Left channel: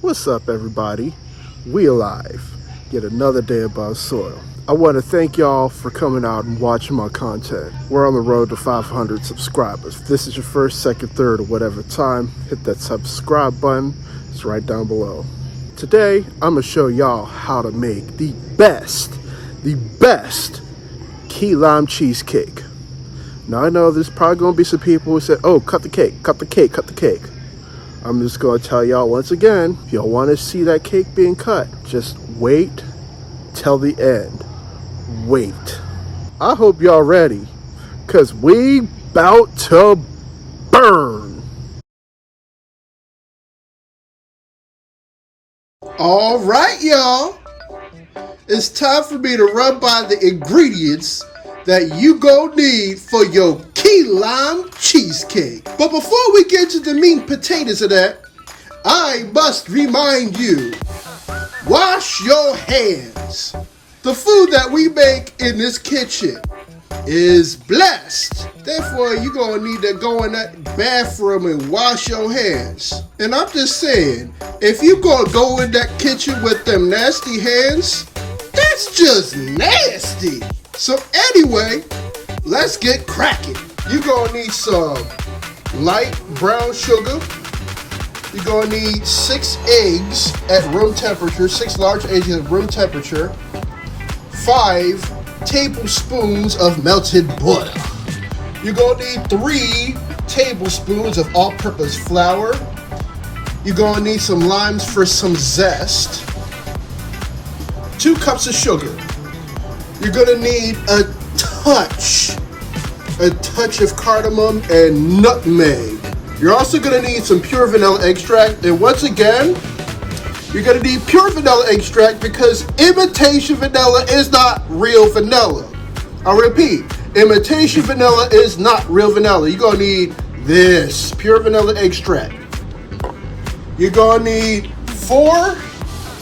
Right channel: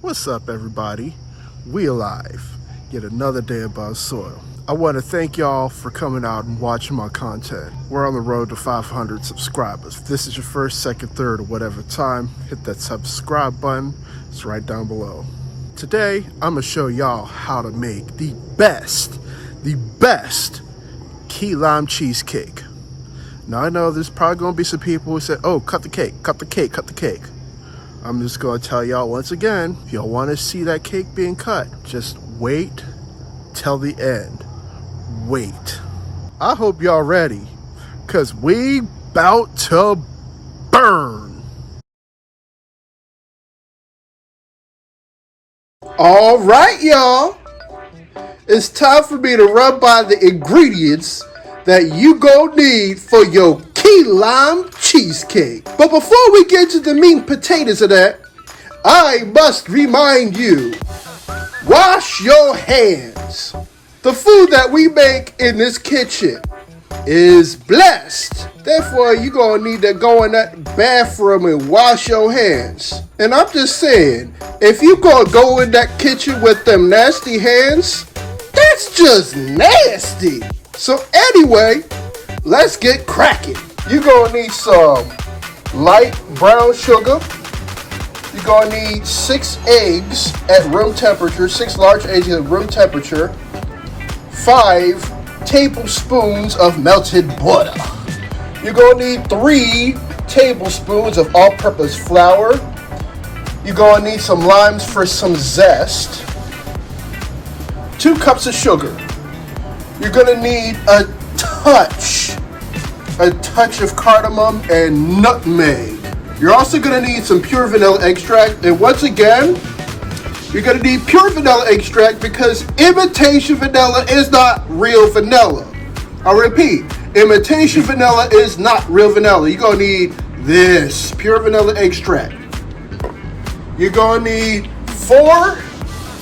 What's up, everybody? We alive. Yet another day above soil. I want to thank y'all for coming out and watching my content. We're on the road to 500 subscribers. If this is your first, second, third, or whatever time, hit that subscribe button. It's right down below. Today, I'm going to show y'all how to make the best key lime cheesecake. Now, I know there's probably going to be some people who say, oh, cut the cake. I'm just going to tell y'all once again, if y'all want to see that cake being cut, just wait till the end. Wait. I hope y'all ready, because we bout to burn. All right, y'all. It's time for me to run by the ingredients that you gon' need for your key lime cheesecake. But before we get to the meat and potatoes of that, I must remind you, wash your hands. The food that we make in this kitchen is blessed. Therefore, you're gonna need to go in that bathroom and wash your hands. And I'm just saying, if you gonna go in that kitchen with them nasty hands, that's just nasty. So anyway, let's get cracking. You're gonna need some light brown sugar. You're gonna need 6 eggs at room temperature, 6 large eggs at room temperature, 5 tablespoons of melted butter. You're gonna need 3 tablespoons of all-purpose flour. You're gonna need some limes for some zest, 2 cups of sugar. You're gonna need a touch of cardamom and nutmeg. You're also gonna need some pure vanilla extract, and once again, you're gonna need pure vanilla extract because imitation vanilla is not real vanilla. I repeat, imitation vanilla is not real vanilla. You're gonna need this pure vanilla extract. You're gonna need 4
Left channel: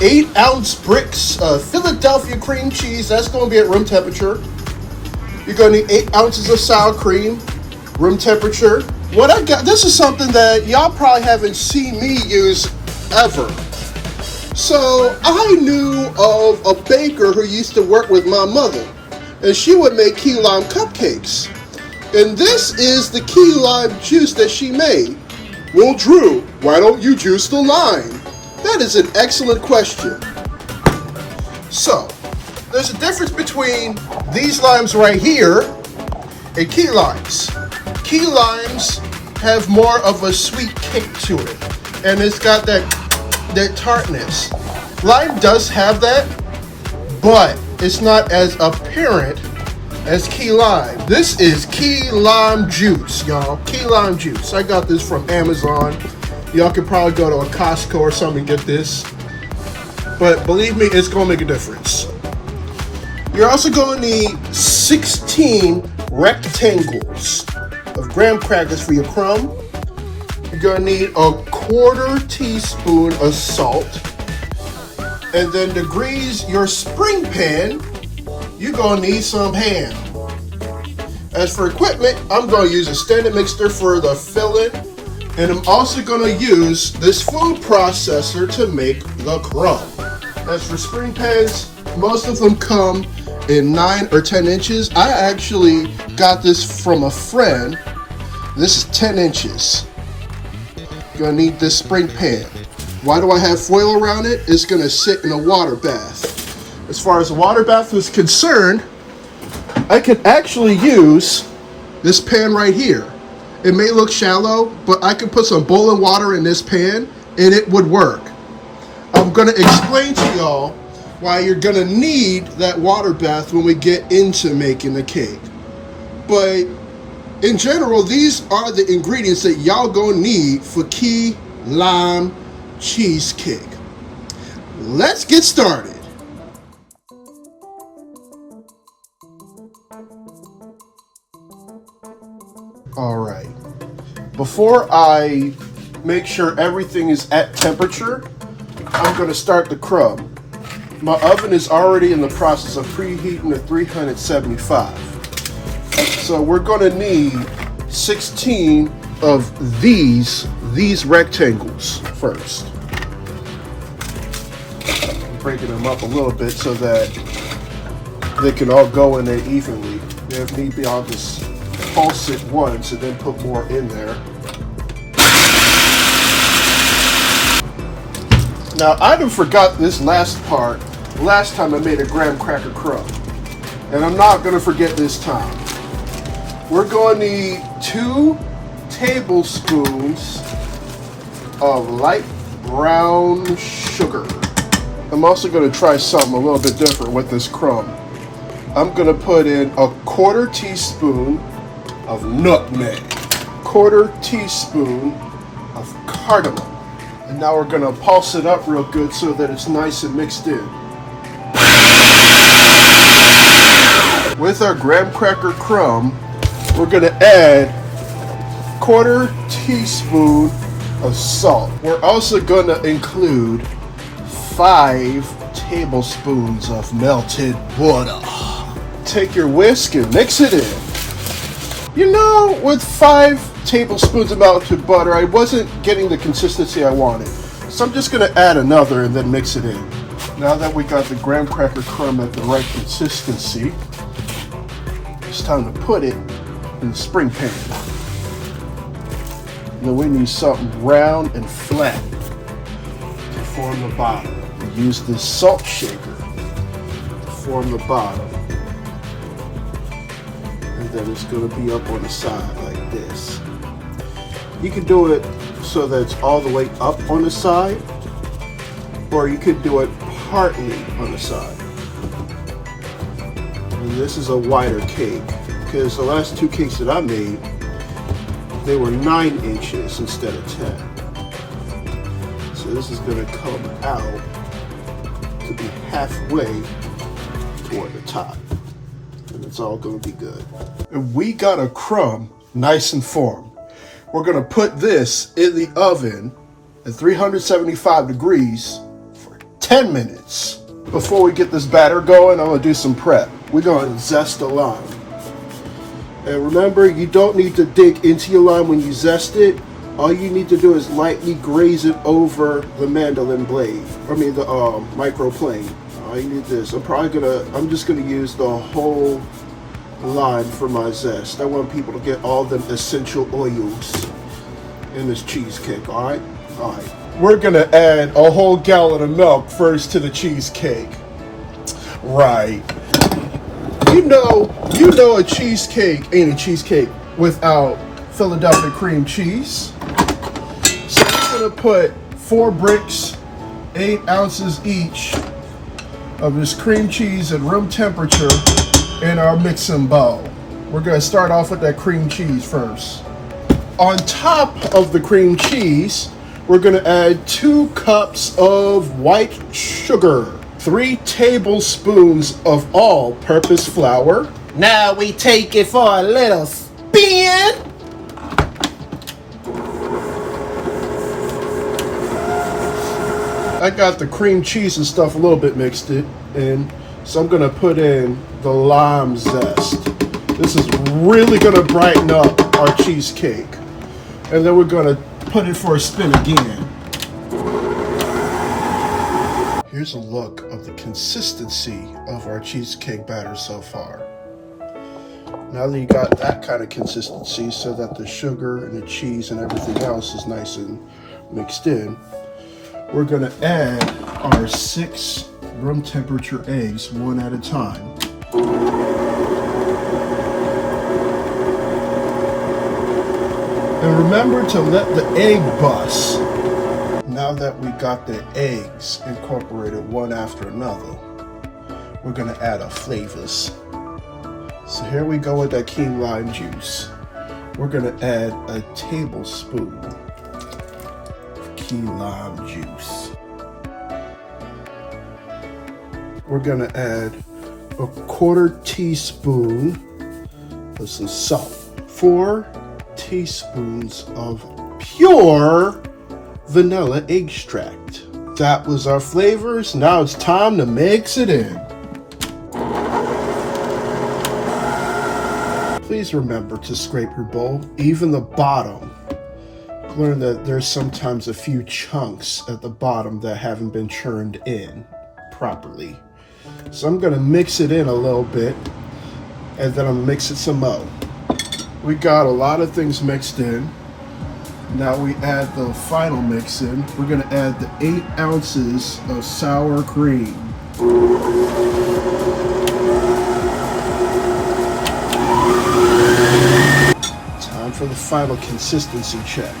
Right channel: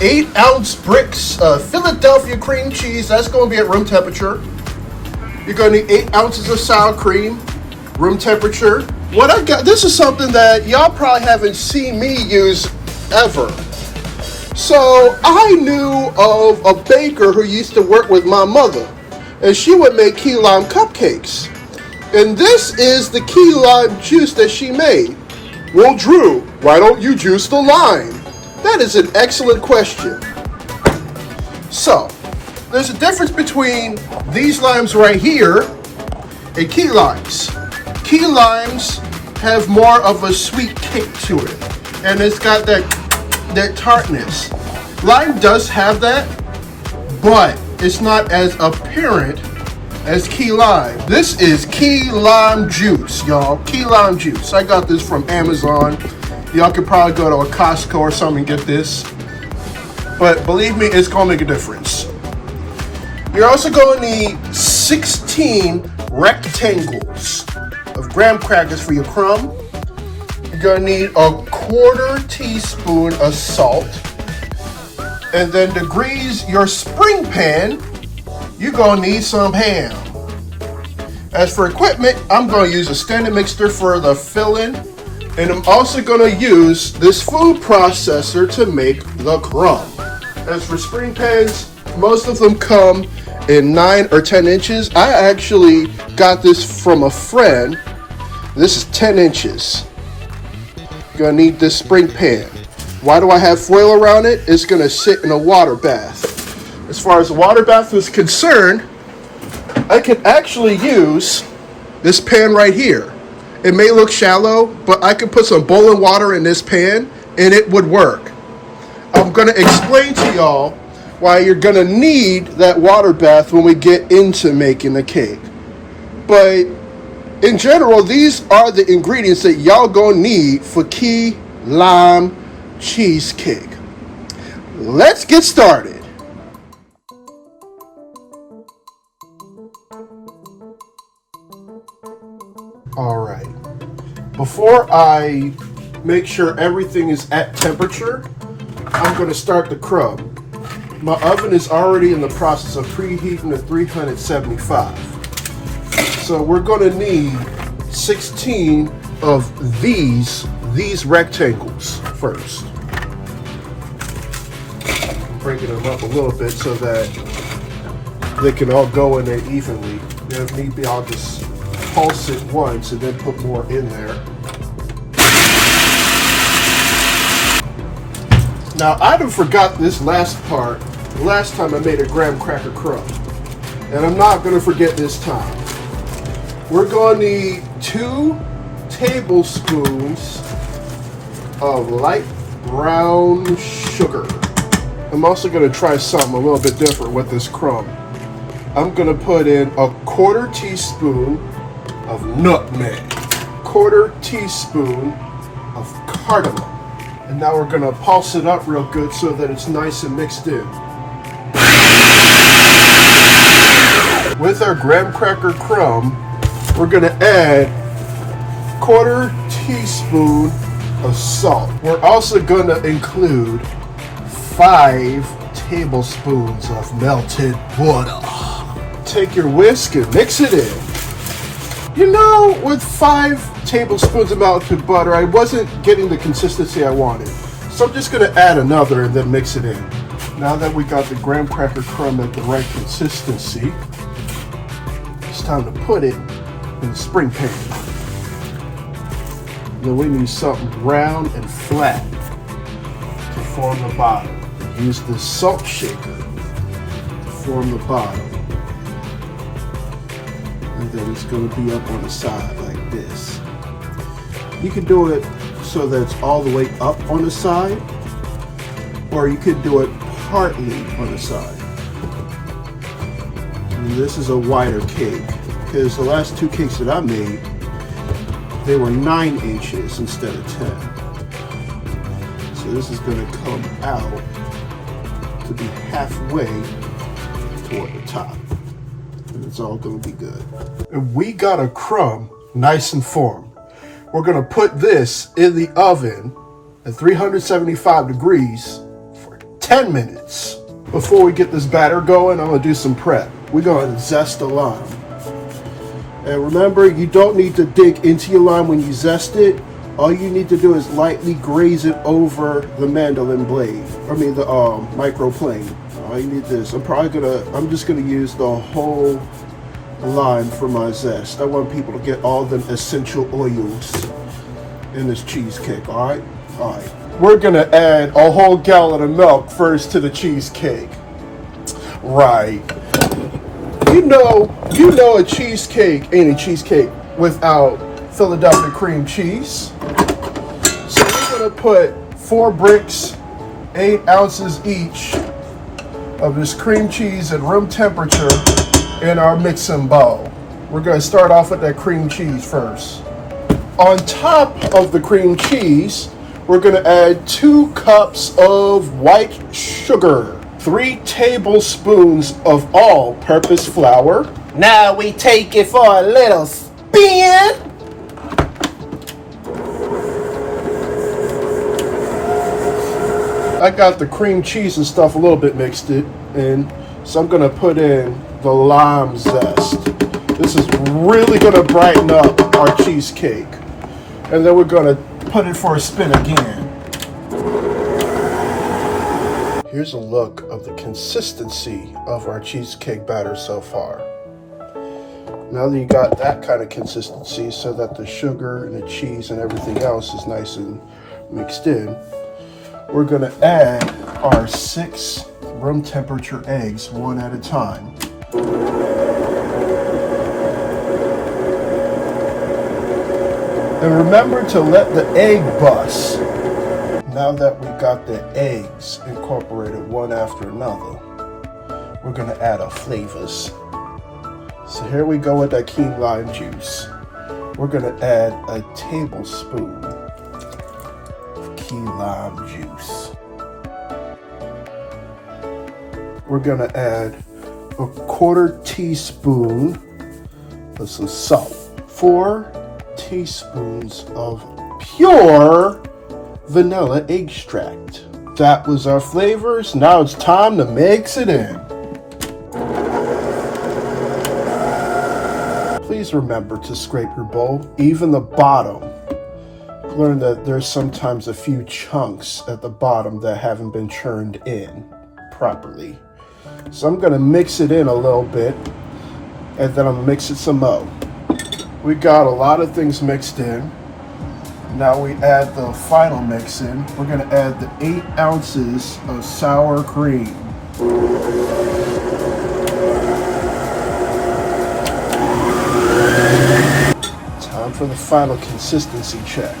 8-ounce bricks of Philadelphia cream cheese. That's going to be at room temperature. You're going to need 8 ounces of sour cream, room temperature. What I got, this is something that y'all probably haven't seen me use ever. So I knew of a baker who used to work with my mother, and she would make key lime cupcakes. And this is the key lime juice that she made. Well, Drew, why don't you juice the lime? That is an excellent question. So, there's a difference between these limes right here and key limes. Key limes have more of a sweet kick to it, and it's got that tartness. Lime does have that, but it's not as apparent as key lime. This is key lime juice, y'all. Key lime juice. I got this from Amazon. Y'all could probably go to a Costco or something and get this. But believe me, it's going to make a difference. You're also going to need 16 rectangles of graham crackers for your crumb. You're going to need a 1/4 teaspoon of salt. And then to grease your spring pan, you're going to need some ham. As for equipment, I'm going to use a standard mixer for the filling. And I'm also going to use this food processor to make the crumb. As for spring pans, most of them come in 9 or 10 inches. I actually got this from a friend. This is 10 inches. You're going to need this spring pan. Why do I have foil around it? It's going to sit in a water bath. As far as the water bath is concerned, I can actually use this pan right here. It may look shallow, but I could put some boiling water in this pan and it would work. I'm going to explain to y'all why you're going to need that water bath when we get into making the cake. But in general, these are the ingredients that y'all going to need for key lime cheesecake. Let's get started. All right. Before I make sure everything is at temperature, I'm going to start the crumb. My oven is already in the process of preheating to 375. So we're going to need 16 of these rectangles first. Breaking them up a little bit so that they can all go in there evenly. If need be, I'll just pulse it once and then put more in there. Now, I done forgot this last part last time I made a graham cracker crumb, and I'm not going to forget this time. We're going to need 2 tablespoons of light brown sugar. I'm also going to try something a little bit different with this crumb. I'm going to put in a 1/4 teaspoon of nutmeg, 1/4 teaspoon of cardamom. And now we're going to pulse it up real good so that it's nice and mixed in. With our graham cracker crumb, we're going to add 1/4 teaspoon of salt. We're also going to include 5 tablespoons of melted butter. Take your whisk and mix it in. You know, with 5 tablespoons of melted butter, I wasn't getting the consistency I wanted. So I'm just going to add another and then mix it in. Now that we got the graham cracker crumb at the right consistency, it's time to put it in the spring pan. Then we need something round and flat to form the bottom. Use this salt shaker to form the bottom. And then it's going to be up on the side like this. You can do it so that it's all the way up on the side, or you could do it partly on the side. And this is a wider cake, because the last 2 cakes that I made, they were 9 inches instead of 10. So this is going to come out to be halfway toward the top. And it's all going to be good. And we got a crumb nice and formed. We're going to put this in the oven at 375 degrees for 10 minutes. Before we get this batter going, I'm going to do some prep. We're going to zest the lime. And remember, you don't need to dig into your lime when you zest it. All you need to do is lightly graze it over the mandolin blade. I mean the microplane. All you need is, I'm just gonna use the whole lime for my zest. I want people to get all them essential oils in this cheesecake, all right? All right. We're gonna add a whole gallon of milk first to the cheesecake. Right. You know a cheesecake ain't a cheesecake without Philadelphia cream cheese. So we're gonna put 4 bricks, 8 ounces each of this cream cheese at room temperature in our mixing bowl. We're gonna start off with that cream cheese first. On top of the cream cheese, we're gonna add 2 cups of white sugar, 3 tablespoons of all-purpose flour. Now we take it for a little spin. I got the cream cheese and stuff a little bit mixed in, so I'm gonna put in the lime zest. This is really gonna brighten up our cheesecake. And then we're gonna put it for a spin again. Here's a look of the consistency of our cheesecake batter so far. Now that you got that kind of consistency so that the sugar and the cheese and everything else is nice and mixed in, we're gonna add our 6 room temperature eggs one at a time. And remember to let the egg bust. Now that we got the eggs incorporated one after another, we're gonna add our flavors. So here we go with that key lime juice. We're gonna add a tablespoon of key lime juice. We're gonna add a 1/4 teaspoon of some salt, 4 teaspoons of pure vanilla extract. That was our flavors. Now it's time to mix it in. Please remember to scrape your bowl, even the bottom, learned that there's sometimes a few chunks at the bottom that haven't been churned in properly. So I'm gonna mix it in a little bit, and then I'm mixing some more. We got a lot of things mixed in. Now we add the final mix in. We're gonna add the 8 ounces of sour cream. Time for the final consistency check.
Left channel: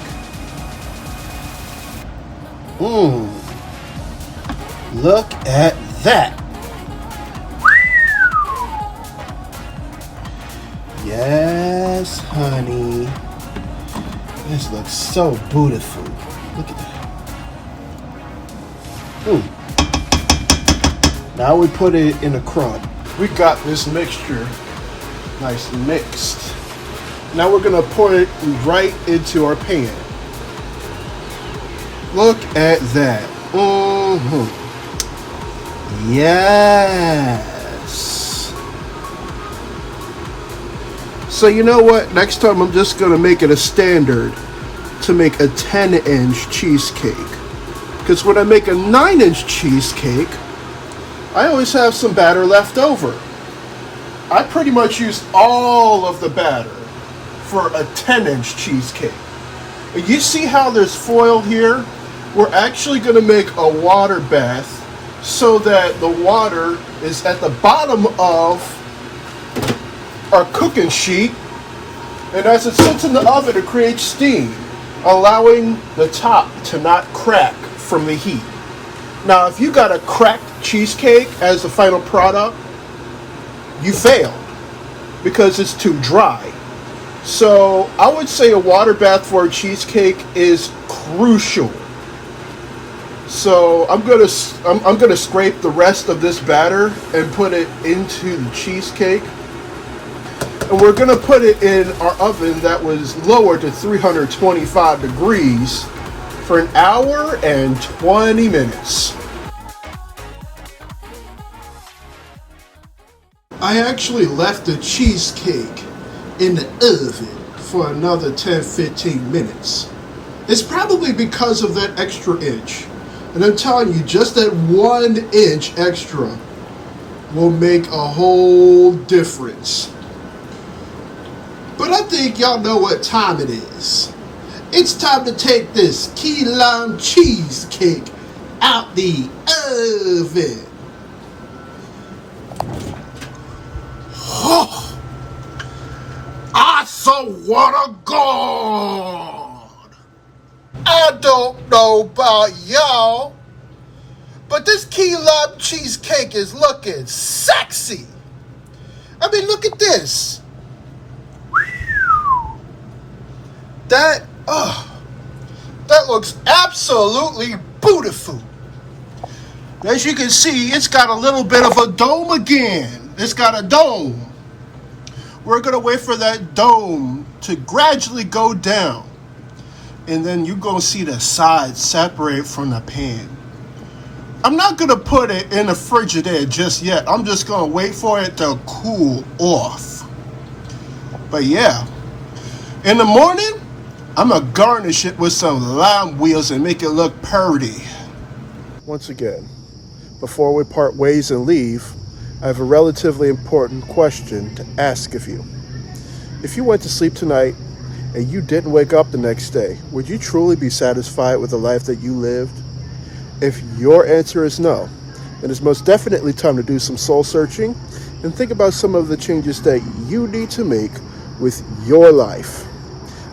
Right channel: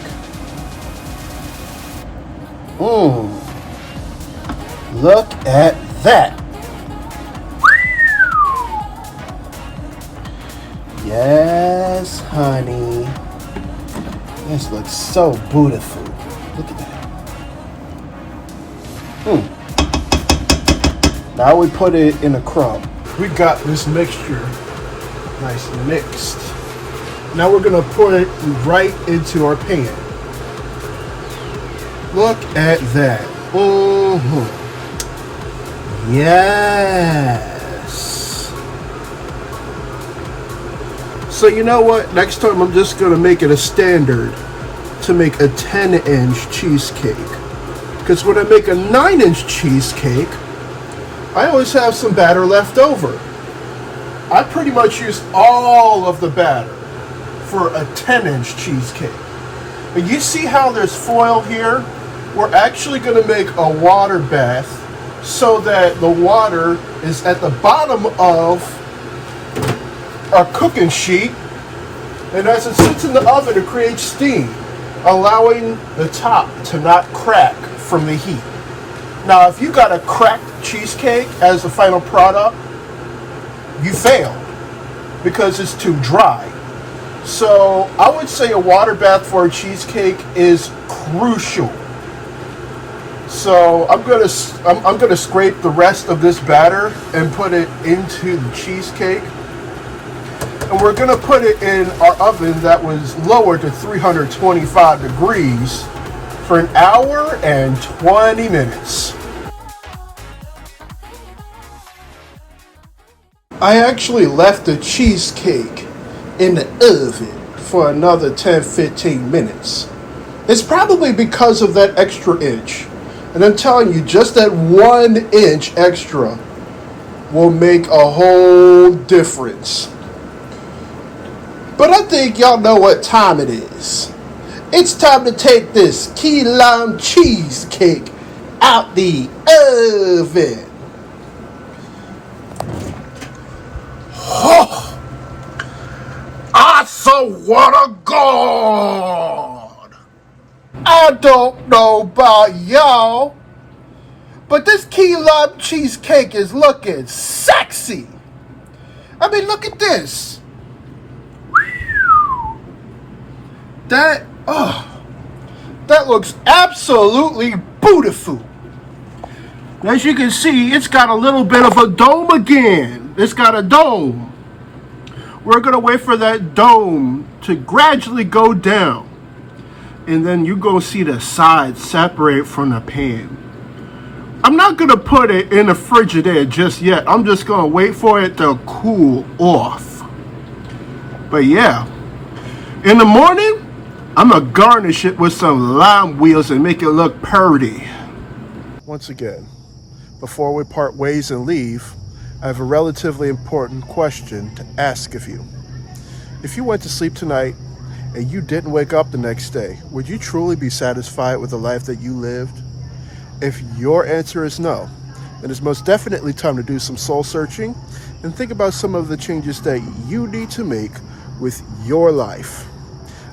Look at that. Yes, honey. This looks so beautiful. Look at that. Now we put it in a crumb. We got this mixture nice and mixed. Now we're gonna pour it right into our pan. Look at that. Yes. So you know what? Next time I'm just gonna make it a standard to make a 10-inch cheesecake. Because when I make a 9-inch cheesecake, I always have some batter left over. I pretty much use all of the batter for a 10-inch cheesecake. And you see how there's foil here? We're actually gonna make a water bath so that the water is at the bottom of our cooking sheet, and as it sits in the oven, it creates steam, allowing the top to not crack from the heat. Now, if you got a cracked cheesecake as the final product, you fail because it's too dry. So I would say a water bath for a cheesecake is crucial. So I'm gonna scrape the rest of this batter and put it into the cheesecake. And we're gonna put it in our oven that was lowered to 325 degrees for an hour and 20 minutes. I actually left the cheesecake in the oven for another 10-15 minutes. It's probably because of that extra inch. And I'm telling you, just that 1 inch extra will make a whole difference. But I think y'all know what time it is. It's time to take this key lime cheesecake out the oven. Oh, I swear to God, I don't know about y'all, but this key lime cheesecake is looking sexy. I mean, look at this. That looks absolutely beautiful. As you can see, it's got a little bit of a dome again. It's got a dome. We're gonna wait for that dome to gradually go down. And then you're gonna see the sides separate from the pan. I'm not gonna put it in the Frigidaire just yet. I'm just gonna wait for it to cool off. But yeah, in the morning, I'm gonna garnish it with some lime wheels and make it look pretty. Once again, before we part ways and leave, I have a relatively important question to ask of you. If you went to sleep tonight and you didn't wake up the next day, would you truly be satisfied with the life that you lived? If your answer is no, then it's most definitely time to do some soul searching and think about some of the changes that you need to make with your life.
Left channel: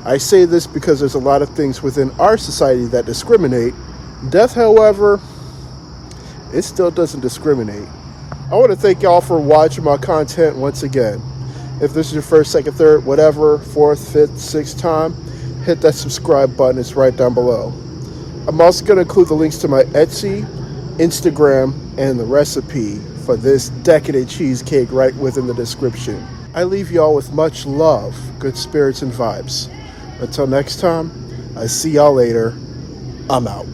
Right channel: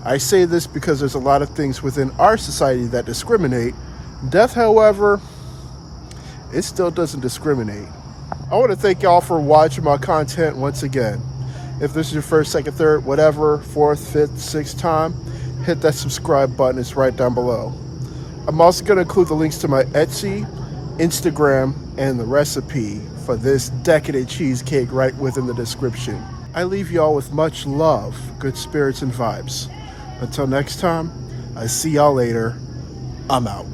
I say this because there's a lot of things within our society that discriminate. Death, however, it still doesn't discriminate. I want to thank y'all for watching my content once again. If this is your first, second, third, whatever, fourth, fifth, sixth time, hit that subscribe button. It's right down below. I'm also going to include the links to my Etsy, Instagram, and the recipe for this decadent cheesecake right within the description. I leave y'all with much love, good spirits, and vibes. Until next time, I see y'all later. I'm out.